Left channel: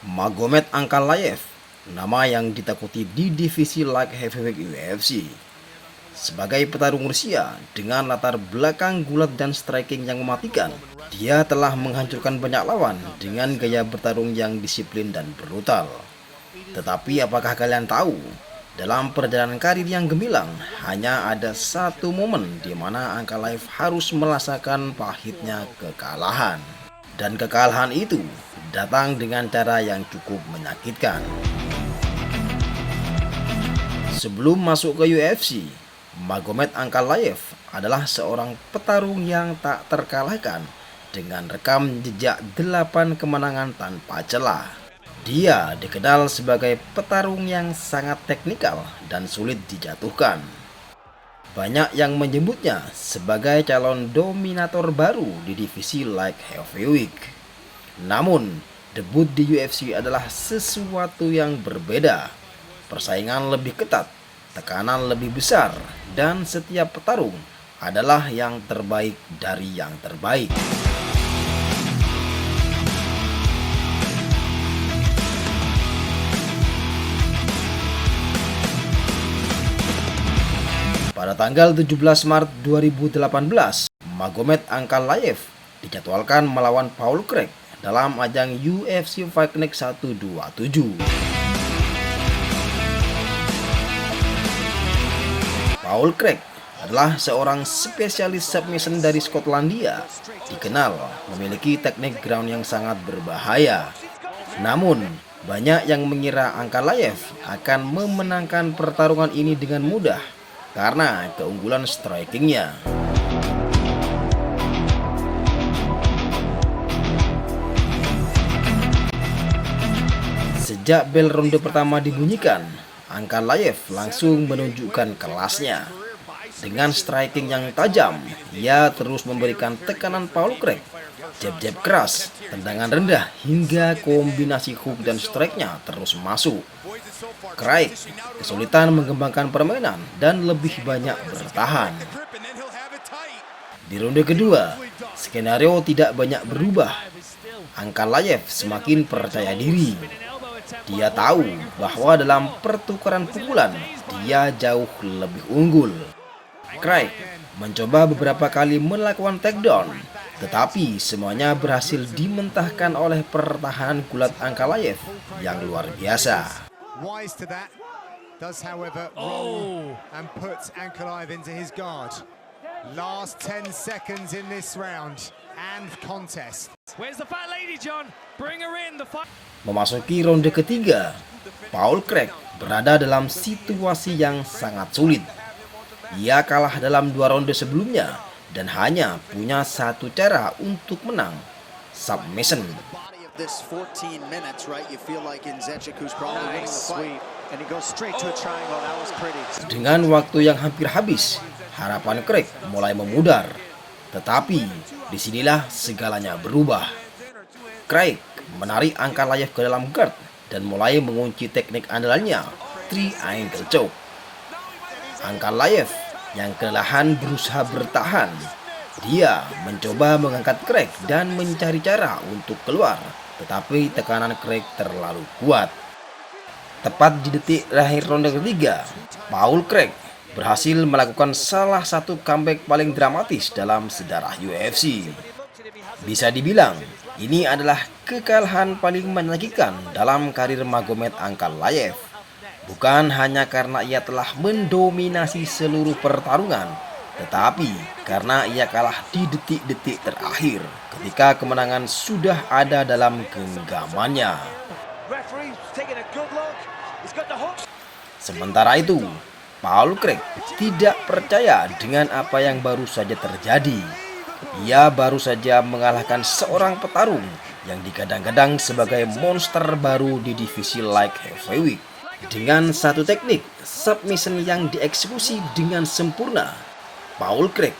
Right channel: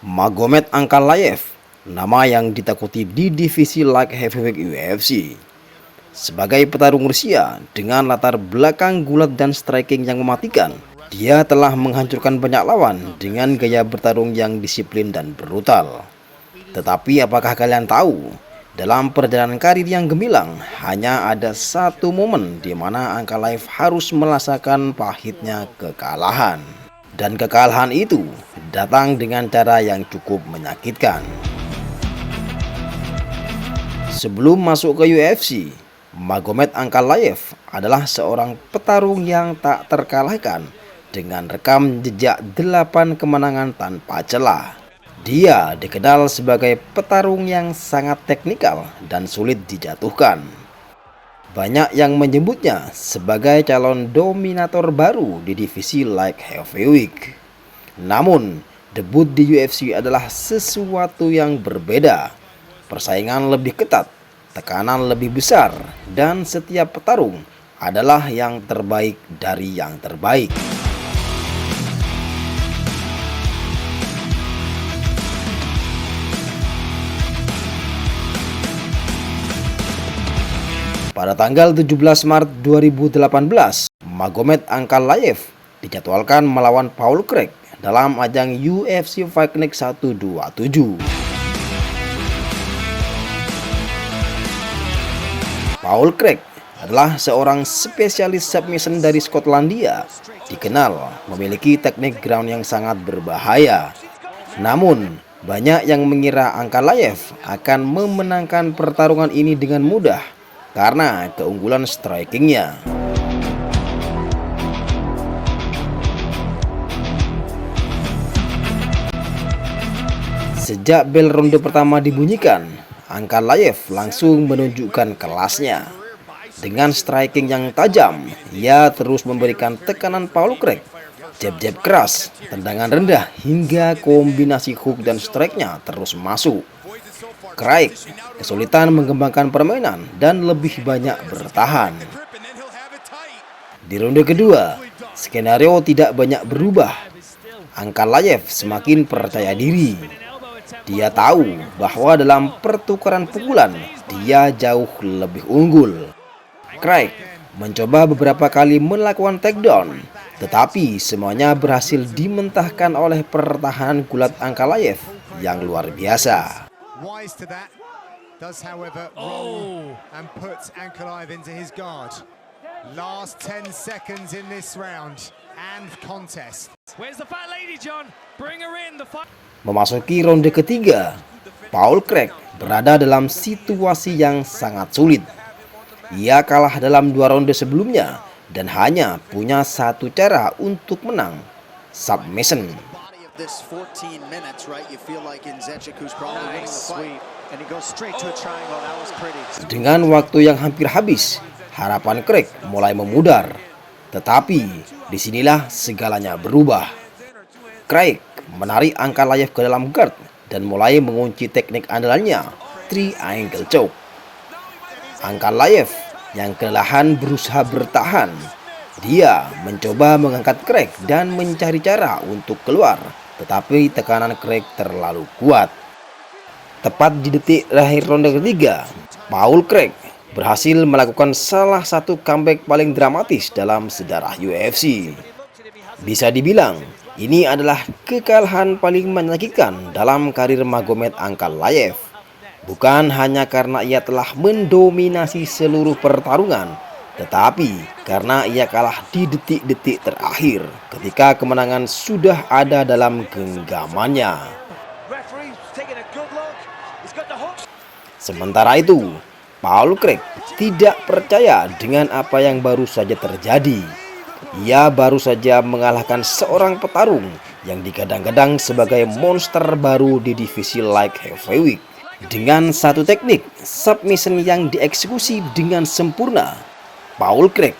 Magomed Ankalaev, nama yang ditakuti di divisi light heavyweight UFC. Sebagai petarung Rusia dengan latar belakang gulat dan striking yang mematikan, dia telah menghancurkan banyak lawan dengan gaya bertarung yang disiplin dan brutal. Tetapi apakah kalian tahu, dalam perjalanan karir yang gemilang, hanya ada satu momen di mana Ankalaev harus merasakan pahitnya kekalahan. Dan kekalahan itu datang dengan cara yang cukup menyakitkan. Sebelum masuk ke UFC, Magomed Ankalaev adalah seorang petarung yang tak terkalahkan dengan rekam jejak 8 kemenangan tanpa celah. Dia dikenal sebagai petarung yang sangat teknikal dan sulit dijatuhkan. Banyak yang menyebutnya sebagai calon dominator baru di divisi light heavyweight. Namun, debut di UFC adalah sesuatu yang berbeda. Persaingan lebih ketat, tekanan lebih besar, dan setiap petarung adalah yang terbaik dari yang terbaik. Pada tanggal 17 Maret 2018, Magomed Ankalaev dijadwalkan melawan Paul Craig dalam ajang UFC Fight Night 127. Paul Craig adalah seorang spesialis submission dari Skotlandia, dikenal memiliki teknik ground yang sangat berbahaya. Namun, banyak yang mengira Ankalaev akan memenangkan pertarungan ini dengan mudah karena keunggulan strikingnya. Sejak bel ronde pertama dibunyikan, Ankalaev langsung menunjukkan kelasnya. Dengan striking yang tajam, ia terus memberikan tekanan Paul Craig. Jab-jab keras, tendangan rendah, hingga kombinasi hook dan strike-nya terus masuk. Craig kesulitan mengembangkan permainan dan lebih banyak bertahan. Di ronde kedua, skenario tidak banyak berubah. Ankalaev semakin percaya diri. Dia tahu bahwa dalam pertukaran pukulan, dia jauh lebih unggul. Craig mencoba beberapa kali melakukan takedown, tetapi semuanya berhasil dimentahkan oleh pertahanan gulat Ankalaev yang luar biasa. Wise to that, does however roll and puts Ankalaev into his guard. Last 10 seconds in this round and contest. Where's the fat lady, John? Bring her in. The fight. Memasuki ronde ketiga, Paul Craig berada dalam situasi yang sangat sulit. Ia kalah dalam 2 ronde sebelumnya dan hanya punya satu cara untuk menang, submission. This 14 minutes, right? You feel like Nzechukwu probably winning the fight. And he goes straight to a triangle. That was pretty. Dengan waktu yang hampir habis, harapan Craig mulai memudar. Tetapi disinilah segalanya berubah. Craig menarik Ankalaev ke dalam guard dan mulai mengunci teknik andalannya, triangle choke. Ankalaev yang kelelahan berusaha bertahan. Dia mencoba mengangkat Craig dan mencari cara untuk keluar, tetapi tekanan Craig terlalu kuat. Tepat di detik terakhir ronde ketiga, Paul Craig berhasil melakukan salah satu comeback paling dramatis dalam sejarah UFC. Bisa dibilang, ini adalah kekalahan paling menyakitkan dalam karir Magomed Ankalaev. Bukan hanya karena ia telah mendominasi seluruh pertarungan, tetapi karena ia kalah di detik-detik terakhir ketika kemenangan sudah ada dalam genggamannya. Sementara itu, Paul Craig tidak percaya dengan apa yang baru saja terjadi. Ia baru saja mengalahkan seorang petarung yang digadang-gadang sebagai monster baru di divisi light heavyweight. Dengan satu teknik submission yang dieksekusi dengan sempurna, Paul Craig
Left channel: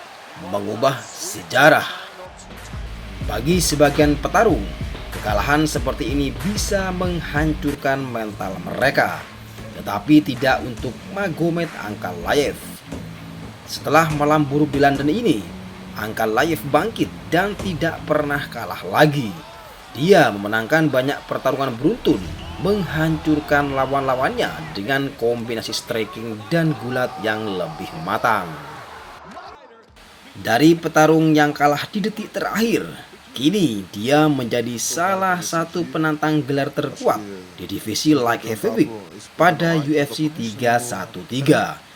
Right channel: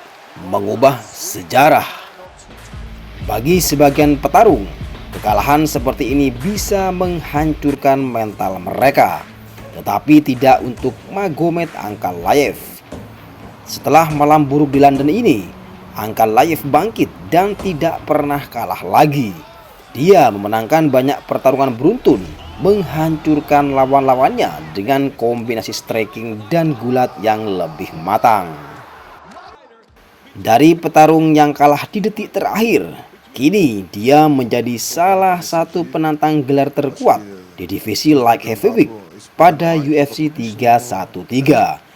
mengubah sejarah. Bagi sebagian petarung, kekalahan seperti ini bisa menghancurkan mental mereka, tetapi tidak untuk Magomed Ankalaev. Setelah malam buruk di London ini, Ankalaev bangkit dan tidak pernah kalah lagi. Dia memenangkan banyak pertarungan beruntun, menghancurkan lawan-lawannya dengan kombinasi striking dan gulat yang lebih matang. Dari petarung yang kalah di detik terakhir, kini dia menjadi salah satu penantang gelar terkuat di divisi light heavyweight pada UFC 313.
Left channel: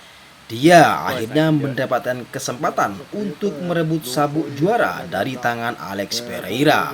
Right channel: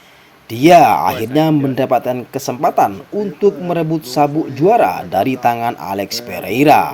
Dia akhirnya mendapatkan kesempatan untuk merebut sabuk juara dari tangan Alex Pereira.